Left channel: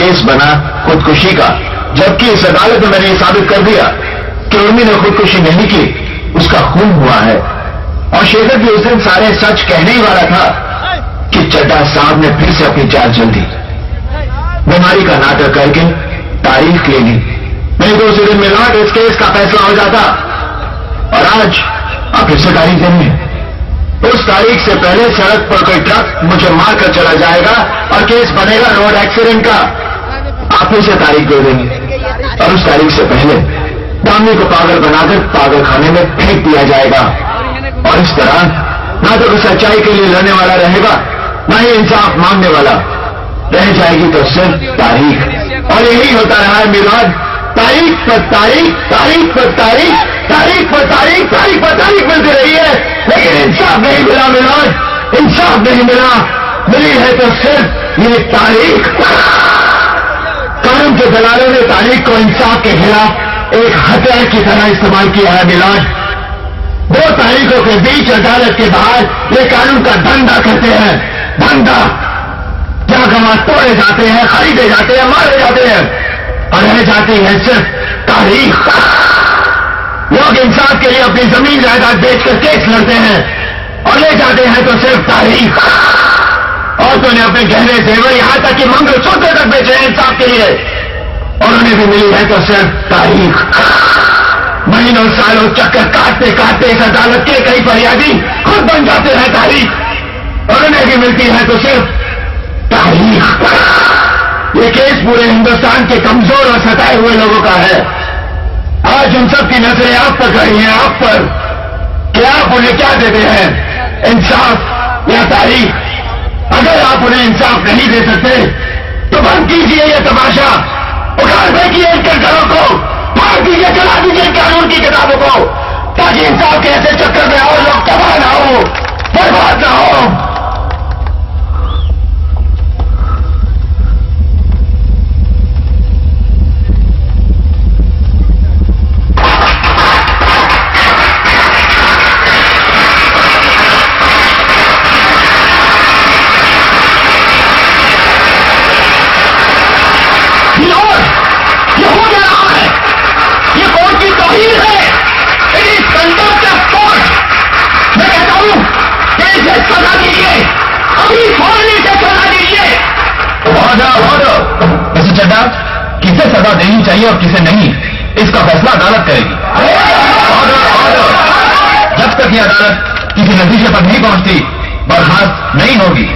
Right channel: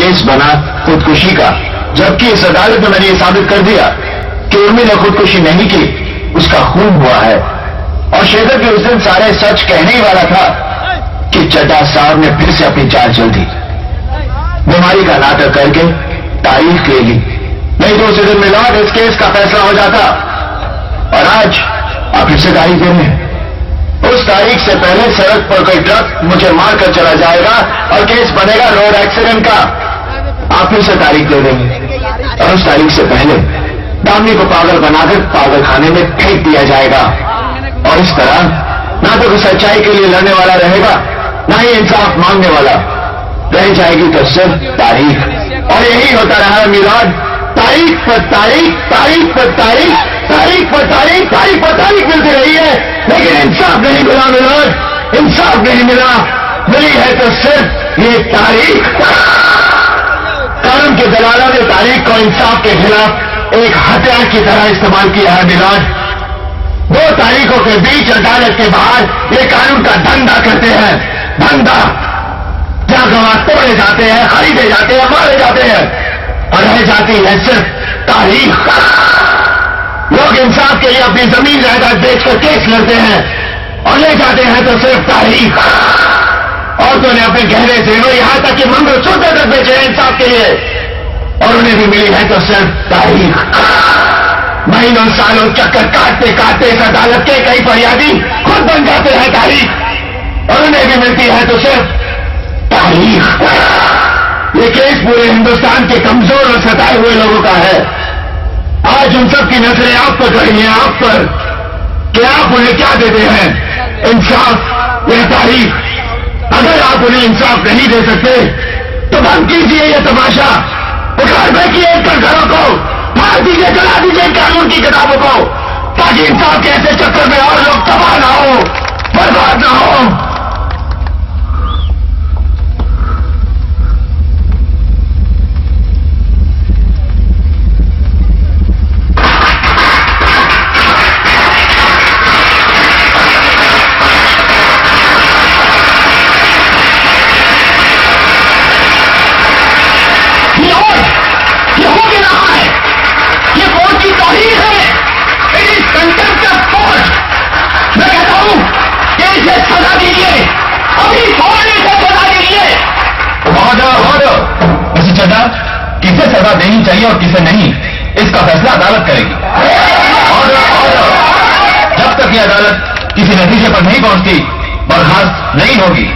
Case बना खुदकुशी का, जबकि इस अदालत ने मैंने ये साबित कर दिया कि उर्मी ने खुदकुशी नहीं की, उसका खून हुआ है। और शेखर भी उस दिन सारे सच कहने ही वाला था कि चड्ढा साहब ने फिर से अपनी चाल चल दी, बीमारी का नाटक करके तारीख ले ली। नहीं तो उसी दिन मिलाट इस केस का फैसला हो जाता। और आज आप फिर से तारीख दे रहे हैं। उस तारीख से पहले सड़क पर कोई ट्रक मुझे मारकर चला जाएगा और केस बनेगा रोड एक्सीडेंट का। आप फिर से तारीख दे देंगे और उस तारीख से पहले दामनी को पागल बनाकर पागल खाने में फेंक दिया जाएगा। और इस तरह ना तो सच्चाई के लिए लड़ने वाला रहेगा, ना ही इंसाफ मांगने वाला। रह जाएगी तो सिर्फ तारीख। और यही होता रहा है मिलाद, तारीख पर तारीख, तारीख पर तारीख, तारीख पर तारीख, तारीख पर तारीख मिलती रही है, लेकिन इंसाफ नहीं मिला मिलाद, इंसाफ नहीं मिला। मिली है तो सिर्फ ये तारीख। कानून के दलालों ने तारीख को इंसाफ के खिलाफ एक हथियार की तरह इस्तेमाल किया है मिलाद। 2 तारीखों के बीच अदालत के बाहर ये कानून का धंधा करते हैं, धंधा। जहां गवाह तोड़े जाते हैं, खरीदे जाते हैं, मारे जाते हैं और रह जाती है सिर्फ तारीख। लोग इंसाफ के लिए अपनी जमीन जायदाद बेचकर केस लड़ते हैं और ले जाते हैं तो सिर्फ तारीख। औरतों ने अपने गहरे जेवर यहां तक कि मंगलसूत्र तक बेचे हैं इंसाफ के लिए और उन्हें भी मिली है तो सिर्फ तारीख। महीनों सालों चक्कर काटते काटते इस अदालत के कई फरियादी खुद बन जाते हैं तारीख और उन्हें भी मिलती है तो सिर्फ तारीख। ये केस पूरे हिंदुस्तान के कमजोर और सताए हुए लोगों का है। आज उन सब की नजरें आप पर खड़ी हैं, आप पर, कि आप उन्हें क्या देते हैं, इंसाफ या तारीख। अगर आप उन्हें इंसाफ नहीं दे सकते तो बंद कीजिए ये तमाशा, उखाड़ फेंकिए इन घरों को, फाड़ दीजिए, जला दीजिए कानून की किताबों को, ताकि इंसाफ के ऐसे चक्कर में और लोग तबाह ना हो, बर्बाद ना हो। किसे सजा देनी चाहिए और किसे नहीं, इसका फैसला अदालत करेगी। और जब तक ये अदालत किसी नतीजे पर नहीं पहुंचती बर्खास्त नहीं होगी।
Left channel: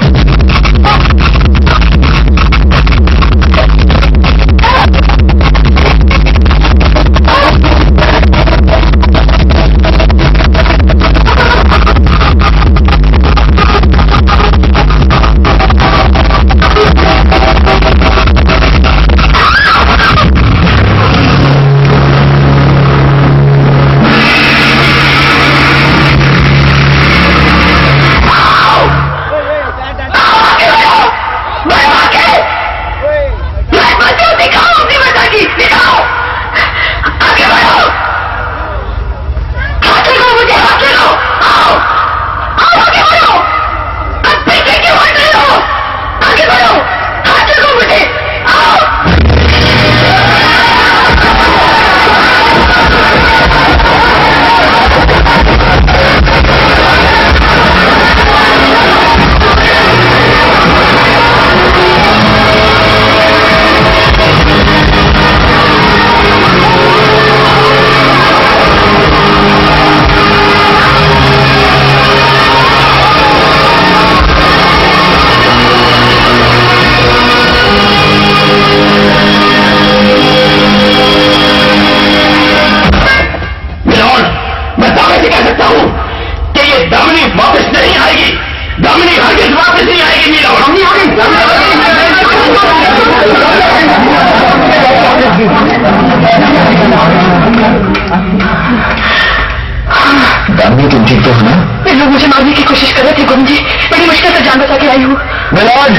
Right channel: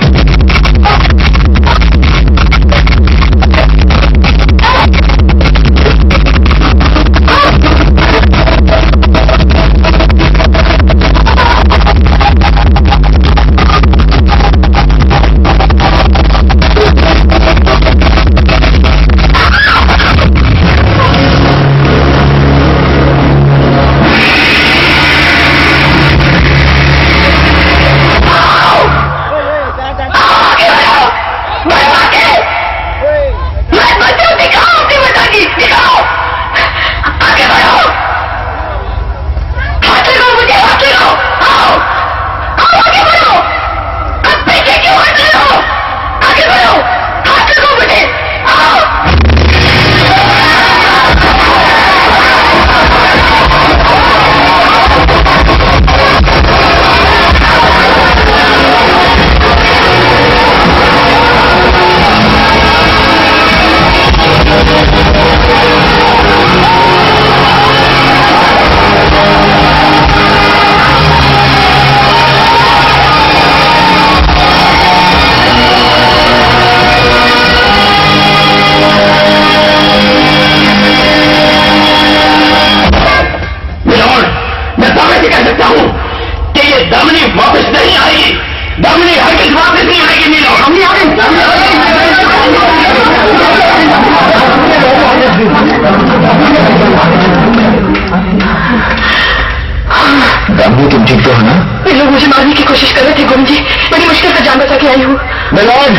दामनी तुम ठीक तो हो ना? ये लोग मुझे मारने की कोशिश कर रहे थे गुरु जी, बड़ी मुश्किल से जान बचा के आई हूँ। मिलोड,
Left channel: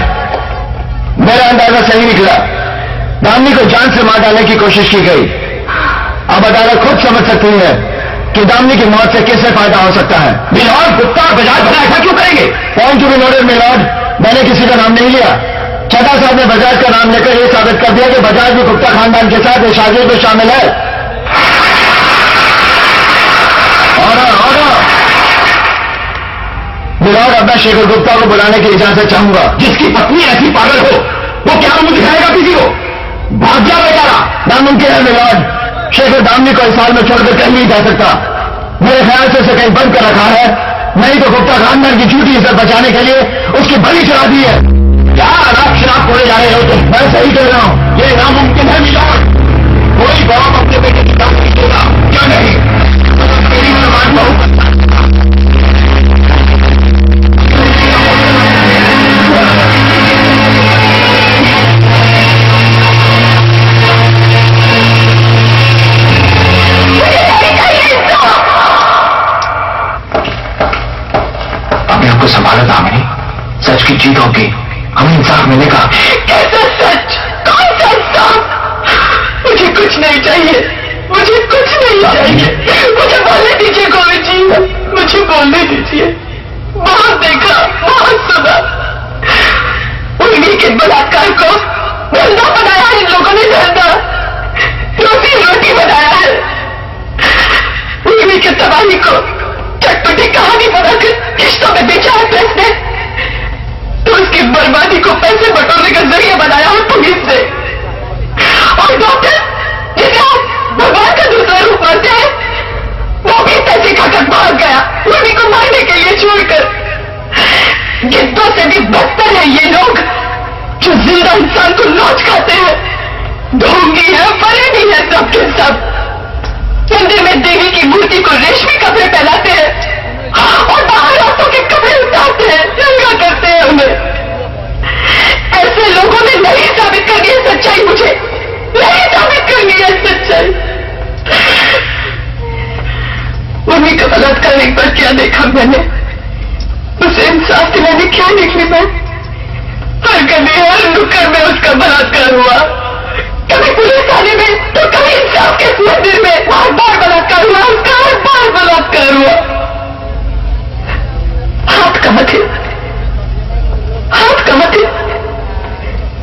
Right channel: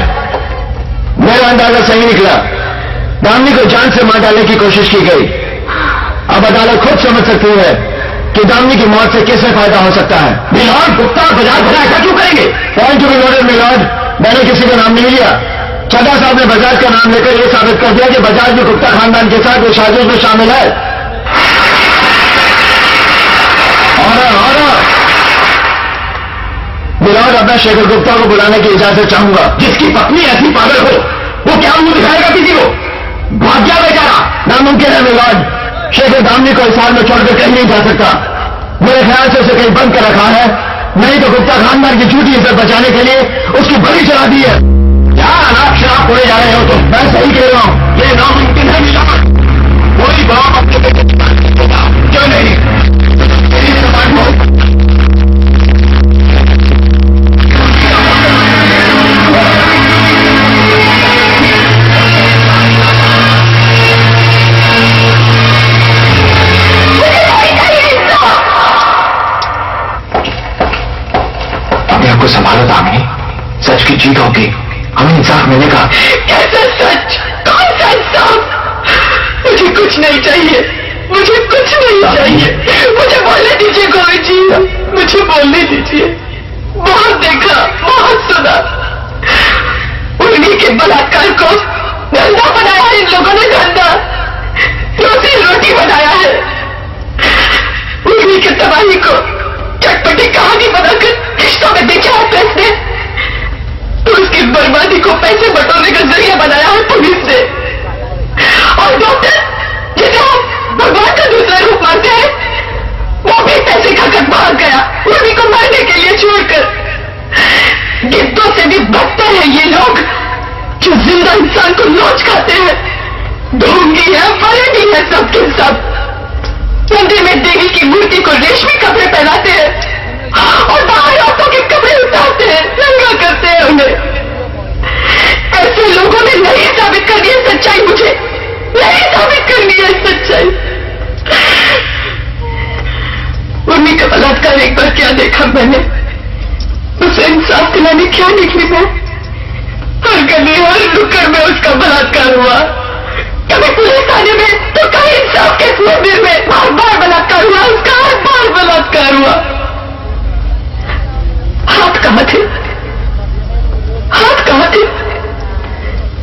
मेरा अंदाजा सही निकला। दामनी को जान से मार डालने की कोशिश की गई। अब अदालत खुद समझ सकती है कि दामनी की मौत से किससे फायदा हो सकता है। मिलोड, गुप्ता बाजार भला ऐसा क्यों करेंगे? Point to be noted milord, मैंने किसी का नाम नहीं लिया, चड्ढा साहब ने बजाज का नाम लेकर यह साबित कर दिया कि बजाज भी गुप्ता खानदान के साथ शादियों में शामिल है। मिलाद अपना शेखर गुप्ता को बुलाने की इजाजत चाहूंगा। जिसकी पत्नी ऐसी पागल हो वो क्या मुंह दिखाएगा किसी को? भाग जा बेचारा। नामुमकिन है मिलाद। शेखर दामनी को इस साल में छोड़कर कहीं नहीं जा सकता। मेरे ख्याल से उसे कहीं बंद कर रखा है, नहीं तो गुप्ता खानदान की झूठी इज्जत बचाने के लिए उसकी बड़ी चढ़ा दी है। क्या अलग शराब खोले जा रहे हो तुम? मैं सही कह रहा हूं, ये नामुमकिन है मिलाद। कोई बाप अपने बेटे की बात नहीं होगा, क्यों नहीं? मेरी समाज बहुत को संभालो दामिनी, सच की जीत होगी, हमें इंसाफ मिलेगा। कैसा सच? कौन सा इंसाफ? मुझे कुछ नहीं चाहिए, मुझे कुछ नहीं चाहिए। मुझे बोलने दीजिए गोविंद जी, मुझे बोलने दीजिए। बहुत देखा, बहुत सुना, उन्हीं के बलात्कार को धंधा बनाया है इन लोगों ने, धंधा, रोटी रोटी बनाया है। उन्हीं के तबाही को चटपटी कहानी बनाकर किस्तों में बेचा है प्रेस ने, तो उसकी बर्बादी को पैसे बटोरने का जरिया बनाया है पुलिस ने। और डॉक्टर जिसे आप भगवान का दूसरा रूप मानते हैं, वो भी पैसे खाकर भाग गया, उन्हीं को मारने के लिए छोड़कर। गिद्धों से भी बदतर है ये लोग जो जिंदा इंसान को नोच खाते हैं। ढोंगी है, बड़े भी है, सबके सब मंदिर में देवी की मूर्ति को रेशमी कपड़े पहनाते हैं और बाहर औरतों के कपड़े उतारते हैं, नंगा करते हैं उन्हें। ऐसे लोगों ने नहीं साबित करनी है सच्चाई, मुझे नहीं साबित करनी है सच्चाई। मम्मी का बलात्कार एक बार क्या देखा मैंने, उसे इंसाफ दिलाने क्या निकली मैं। हर गली हर नुक्कड़ में उसका बलात्कार हुआ, कभी पुलिस थाने में तो कभी इंसाफ के मंदिर में। बार बार बलात्कार हुआ उसका, हर बार बलात्कार हुआ। हाथ कहां थे? हाथ कहां थे?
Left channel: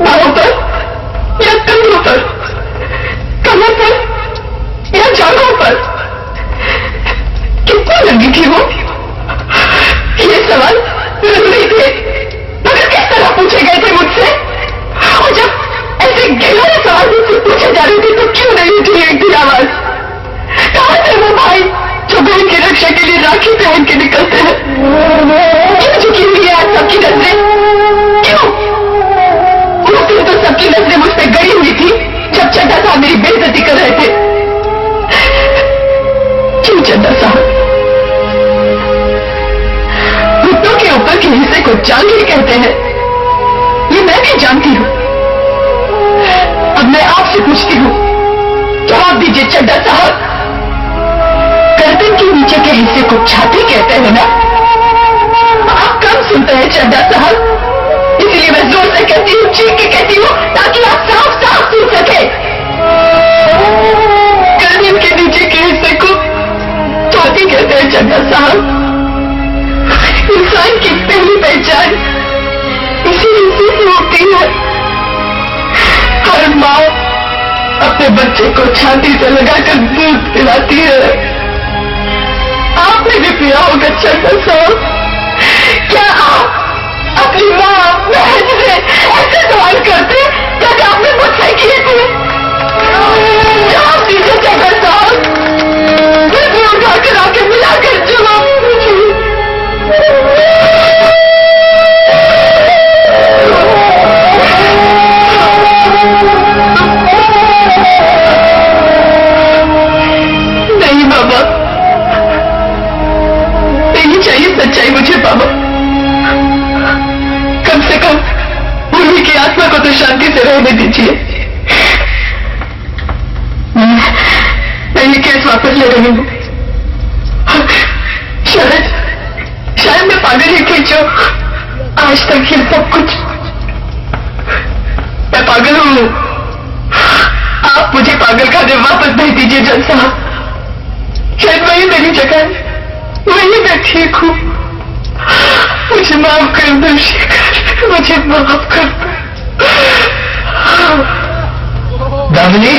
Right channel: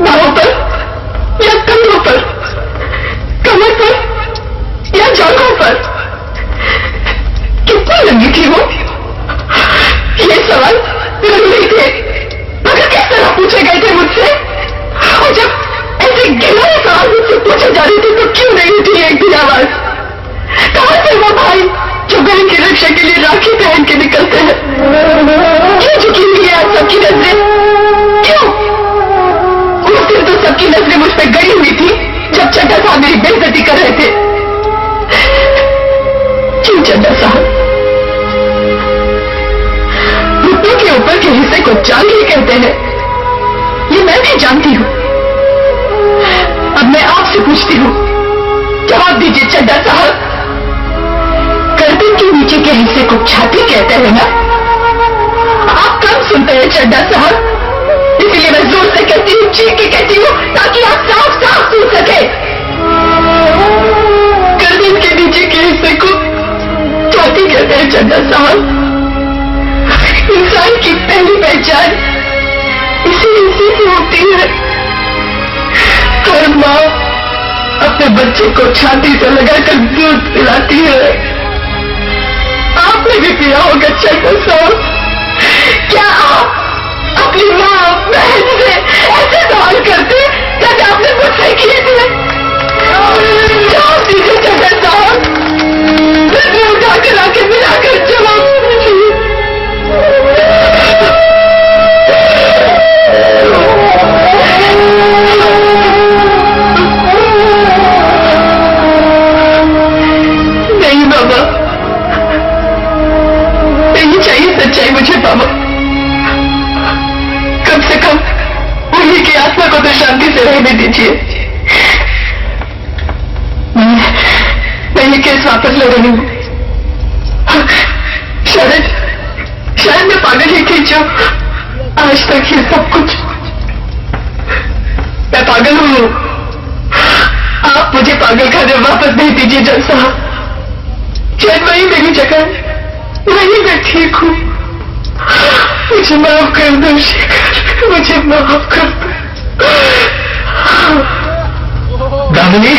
बाहों पर या कंधों पर, कमर पर या जांघों पर? कितना लगी थी वो? ये सवाल लग रही थे, मगर किस तरह पूछे गए थे मुझसे? और जब ऐसे गहरे सवाल मुझसे पूछे जा रही थी तो क्यों नहीं उठी एक भी आवाज? कहां थे वो भाई जो बहन की रक्षा के लिए राखी पहन के निकलते हैं? क्यों झुकी हुई है आज सबकी नजरें? क्यों? उस दिन तो सबकी नजरें मुझ पर गड़ी हुई थी जब चड्ढा साहब मेरी बेइज्जती कर रहे थे। क्यों चड्ढा साहब? घुटनों के ऊपर के हिस्से को जांघें कहते हैं, ये मैं भी जानती हूं। अब मैं आपसे पूछती हूं, जवाब दीजिए चड्ढा साहब। गर्दन के नीचे के हिस्से को छाती कहते हैं ना? आप कम सुनते हैं चड्ढा साहब, इसलिए मैं जोर से कहती हूं, चीख के कहती हूं, ताकि आप साफ साफ सुन सके। गर्दन के नीचे के हिस्से को छाती कहते हैं चड्ढा साहब। इंसान की पहली पहचान इसी हिस्से से होती है। हर माँ अपने बच्चे को छाती से लगाकर दूध पिलाती है। आपने भी पिया होगा चड्ढा साहब। क्या आप अपनी माँ बहन से ऐसे सवाल करते जैसे आपने मुझसे किए थे? जवाब दीजिए चड्ढा साहब, नजरें उठाकर आके मिलाकर जवाब दीजिए। नहीं बाबा, नहीं चाहिए सच्चाई मुझे बाबा। कम से कम उन्हीं की आत्मा को तो शांति से रहने दीजिए। मैं ये केस वापस ले रही हूँ। शायद मैं पागल ही थी जो आज तक ये सब कुछ, मैं पागल हूँ। आप मुझे पागल खाने वापस भेज दीजिए जज साहब। शायद वही मेरी जगह है, वही मैं ठीक हूँ। मुझे माफ कर दो शेखर, मुझे माफ कर दो। दामिनी,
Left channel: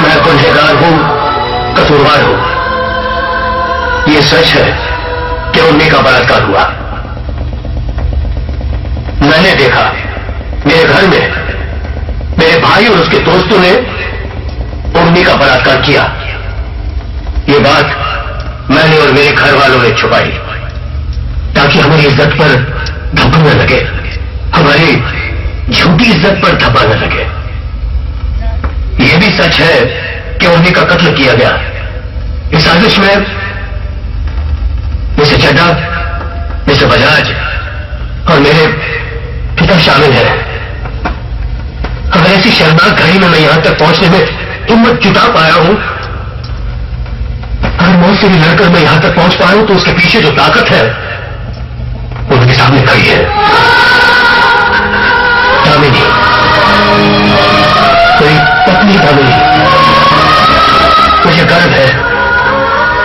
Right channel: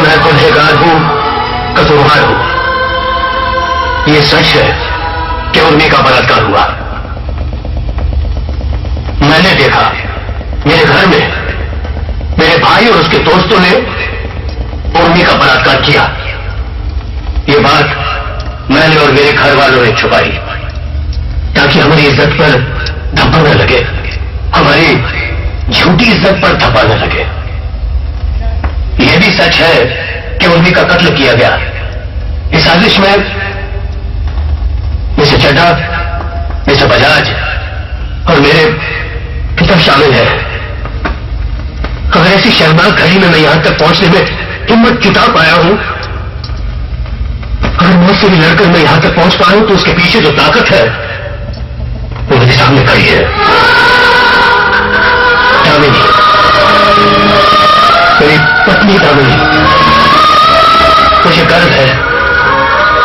मैं गुनहगार हूं, कसूरवार हूं। ये सच है कि उर्मी का बलात्कार हुआ। मैंने देखा मेरे घर में मेरे भाई और उसके दोस्तों ने उर्मी का बलात्कार किया। ये बात मैंने और मेरे घर वालों ने छुपाई ताकि हमारी इज्जत पर धब्बा न लगे, हमारी झूठी इज्जत पर धब्बा न लगे। यह भी सच है कि उर्मी का कत्ल किया गया। इस साजिश में मिस्टर चड्ढा, मिस्टर बजाज और मेरे पिता शामिल हैं। अगर ऐसी शर्मनाक घड़ी में मैं यहां तक पहुंचने में हिम्मत जुटा पाया हूं, अगर मौत से भी लड़कर मैं यहां तक पहुंच पाया हूं, तो उसके पीछे जो ताकत है वो मेरे सामने खड़ी है। दामिनी, मेरी पत्नी दामिनी, मुझे गर्व है,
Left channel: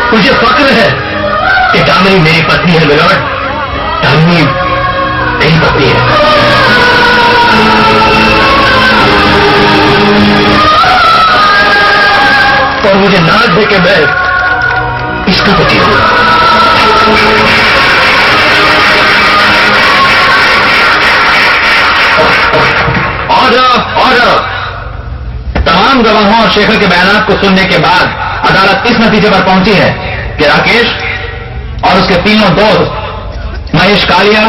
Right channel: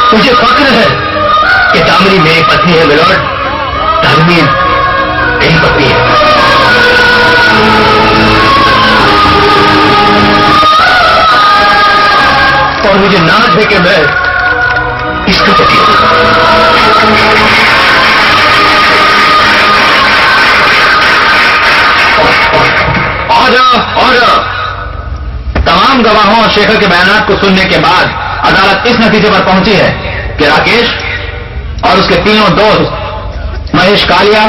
मुझे फक्र है कि दामिनी मेरी पत्नी है मिलॉर्ड। दामिनी मेरी पत्नी है। और मुझे नाज है कि मैं इसका पति हूं। ऑर्डर। तमाम गवाहों और शेखर के बयानात को सुनने के बाद अदालत इस नतीजे पर पहुंची है कि राकेश और उसके तीनों दोस्त महेश कालिया,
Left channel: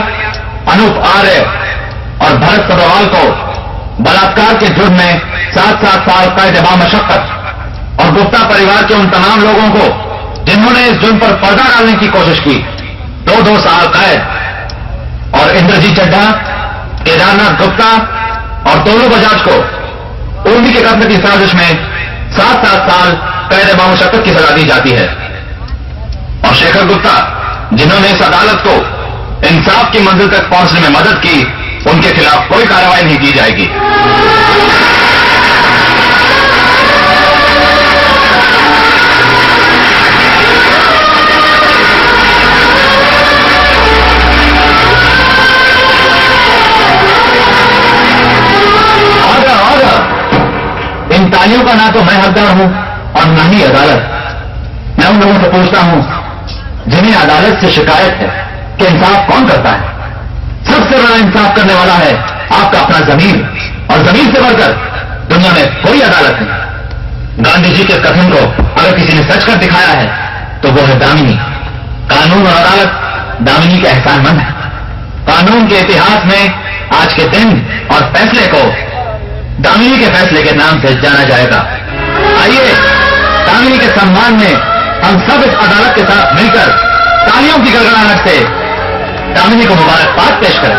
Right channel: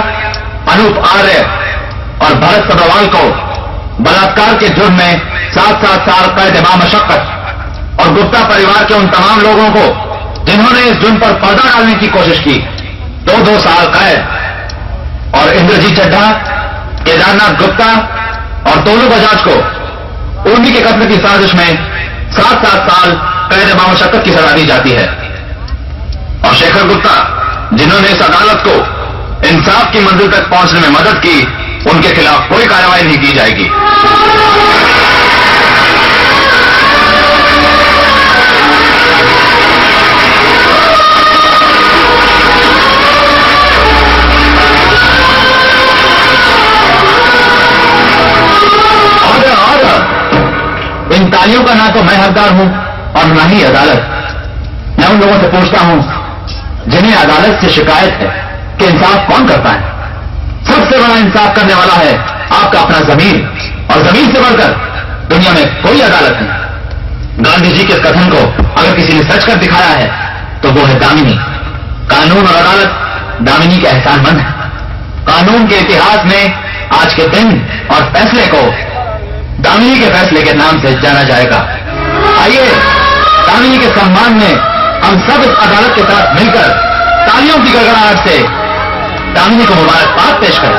अनूप आर्य और भरत सदवाल को बलात्कार के जुर्म में 7-7 साल कैद बामशक्कत और गुप्ता परिवार के उन तमाम लोगों को जिन्होंने इस जुर्म पर पर्दा डालने की कोशिश की 2-2 साल कैद और इंद्रजीत चड्ढा, केदारनाथ गुप्ता और तोलू बजाज को उर्मी के कत्ल की साजिश में 7-7 साल कैद बामशक्कत की सजा दी जाती है। और शेखर गुप्ता, जिन्होंने इस अदालत को इंसाफ की मंजिल तक पहुंचने में मदद की, उनके खिलाफ कोई कार्रवाई नहीं की जाएगी। इन तालियों का ना तो मैं हकदार हूं और न ही अदालत। मैं उन लोगों से पूछता हूं जिन्हें अदालत से शिकायत है कि इंसाफ कौन करता है। सबसे बड़ा इंसाफ करने वाला है आपका अपना जमीन, और जमीन से बढ़कर दुनिया में कोई अदालत नहीं। गांधी जी के कथन को अगर किसी ने सच कर दिखाया है तो वो है दामिनी। कानून और अदालत दामिनी के एहसानमंद है। कानून के इतिहास में आज के दिन और फैसले को दामिनी के फैसले के नाम से जाना जाएगा। आइए दामिनी के सम्मान में हम सब इस अदालत के साथ मिलकर तालियों की गड़गड़ाहट से दामिनी को मुबारकबाद पेश करें।